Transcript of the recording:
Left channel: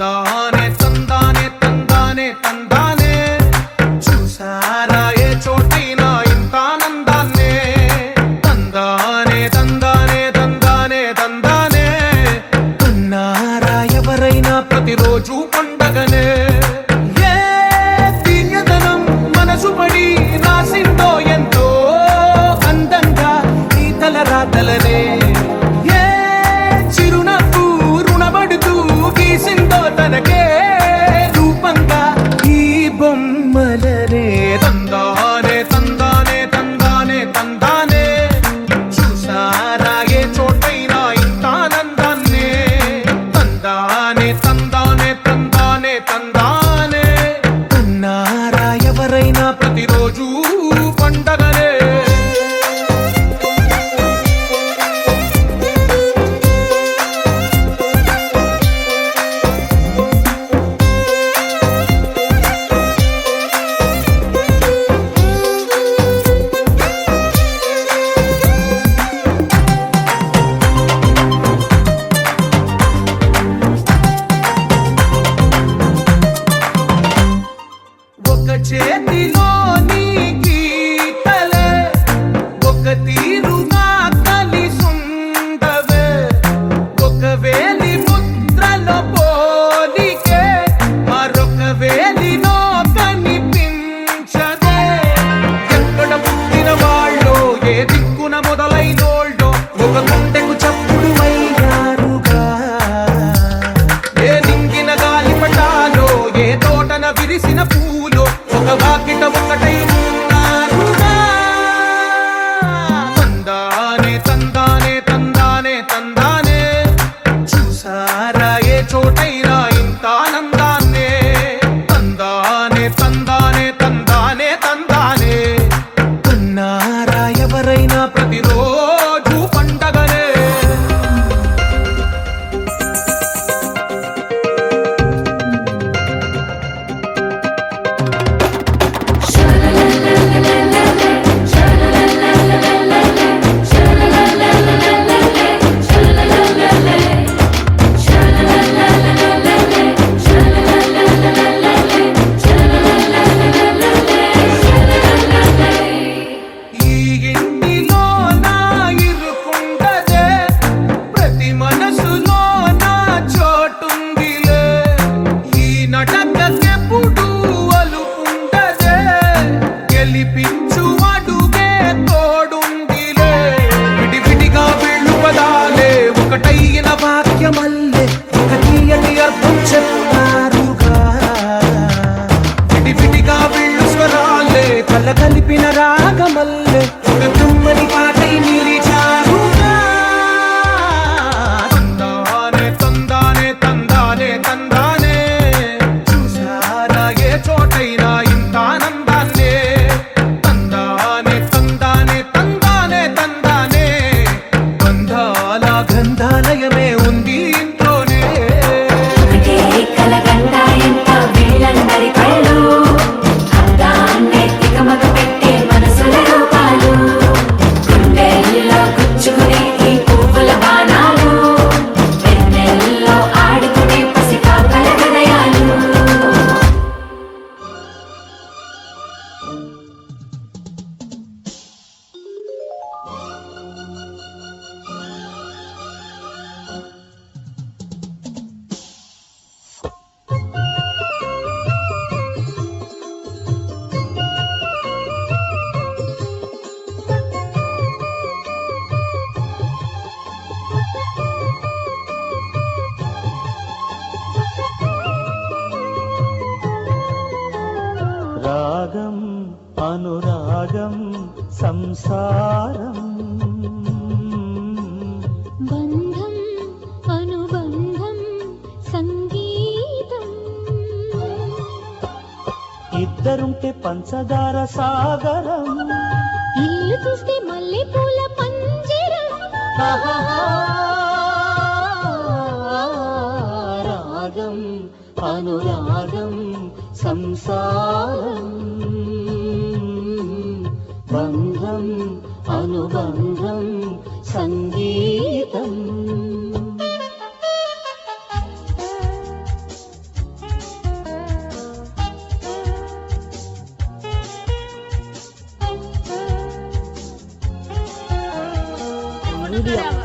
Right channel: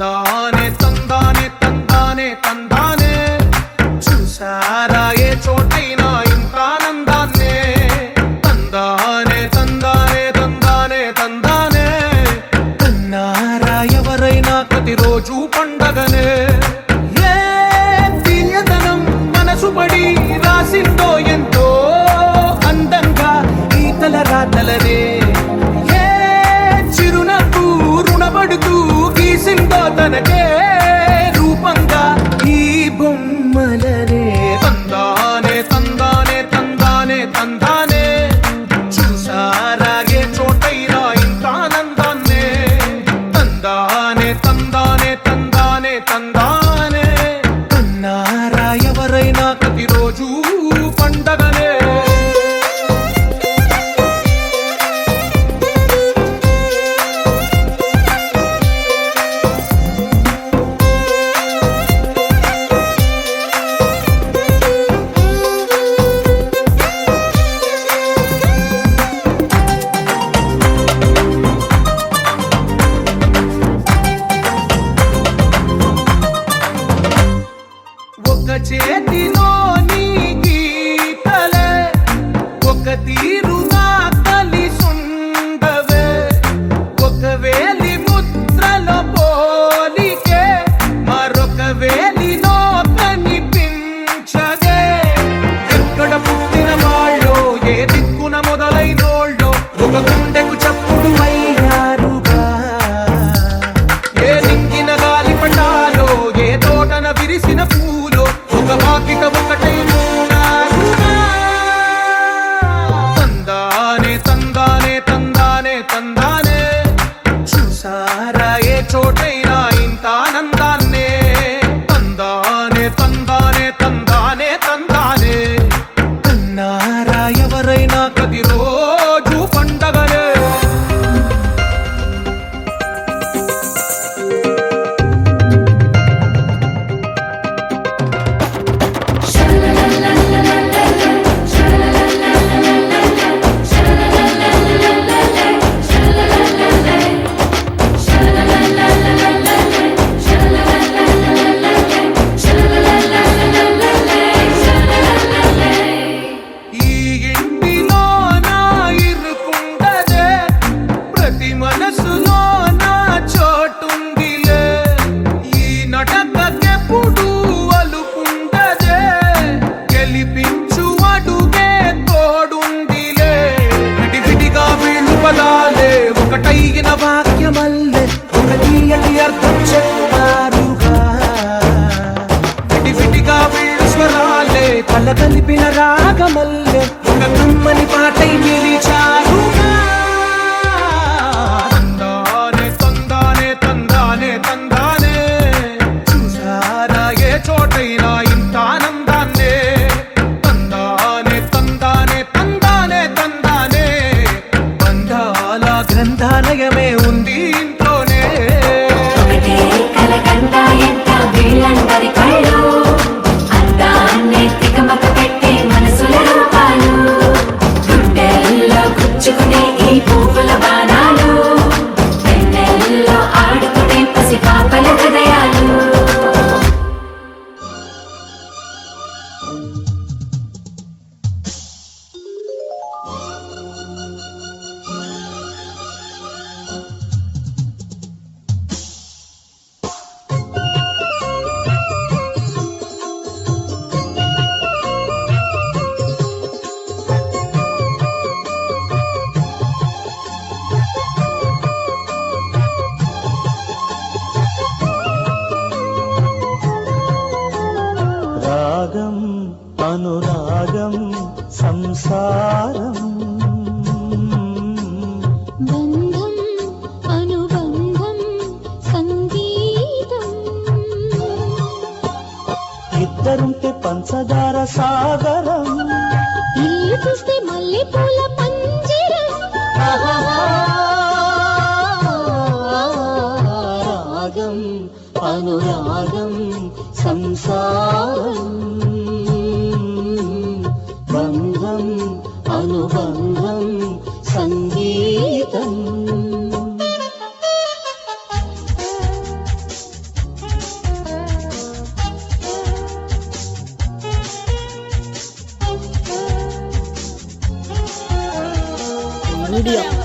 తందానే తందానే తందానే తందానే చూసారా ఏ చోటైనా ఇంత ఆనందాన్నే తందానే తందానే తందానే తందానే కన్నారా ఎవరైనా ప్రతిరోజు పండగనే ఏ తీయదనం మనసు పడి రాసిందో ఎంతో అందంగా ఈ తలరాతలనే ఏ చిరునవ్వు రుణపడుతూ గీసిందో తనకే రూపంగా ఈ బొమ్మలనే తందానే తందానే తందానే తందానే చూసారా ఏ చోటైనా ఇంత ఆనందాన్నే తందానే తందానే తందానే తందానే కన్నారా ఎవరైనా ప్రతిరోజు పండగనే ఒక చేతిలో నీ గీతలే ఒక తీరుగా కలిసుండవే ఒక వేలి ముద్రల పోలికే మరొక వేలిలో కనిపించదే ఎక్కడ పుట్టిన వాళ్ళో ఏ దిక్కున మొదలైనోళ్ళో ఒక గుండెకు చప్పుడు అయ్యారుగా ఏ నింగిన గాలి పటాలో ఏ తోటన విరిసిన పూలో ఒక వాకిట ఒకటై ఉన్నారుగా తందానే తందానే తందానే తందానే చూసారా ఏ చోటైనా ఇంత ఆనందాన్నే తందానే తందానే తందానే తందానే కన్నారా ఎవరైనా ప్రతిరోజు పండగనే ఈ ఇంటిలో నా ఇరుకుండదే ప్రతి మనసులో నా చోటుందిలే ఈ నటకెప్పుడు అలుకుండదే గెలిపించు అడుగే తోడుందిలే విడివిడిగా వీళ్ళు పదాలే ఒకటైన వాక్యమల్లే ఒక తీయటి అర్థం చెప్పారుగా విడివిడిగా వీళ్ళు స్వరాలే కల కలిపిన రాగమల్లే ఒక కమ్మని పాటై నిలిచారుగా తందానే తందానే తందానే తందానే చూసారా ఏ చోటైనా ఇంత ఆనందాన్నే తందానే తందానే తందానే తందానే బంధాల గ్రంథాలయమే ఉంది ఇంట్లోనే రాగం అనురాగం సంసారం బంధం అనుబంధం సంగీతం ఇద్దరుంటే పంచదార సాగరం ఇల్లు చూస్తే మల్లె పూల పంజరం రాగం అనురాగం సంసారం బంధం అనుబంధం సంగీతం ఇండియా.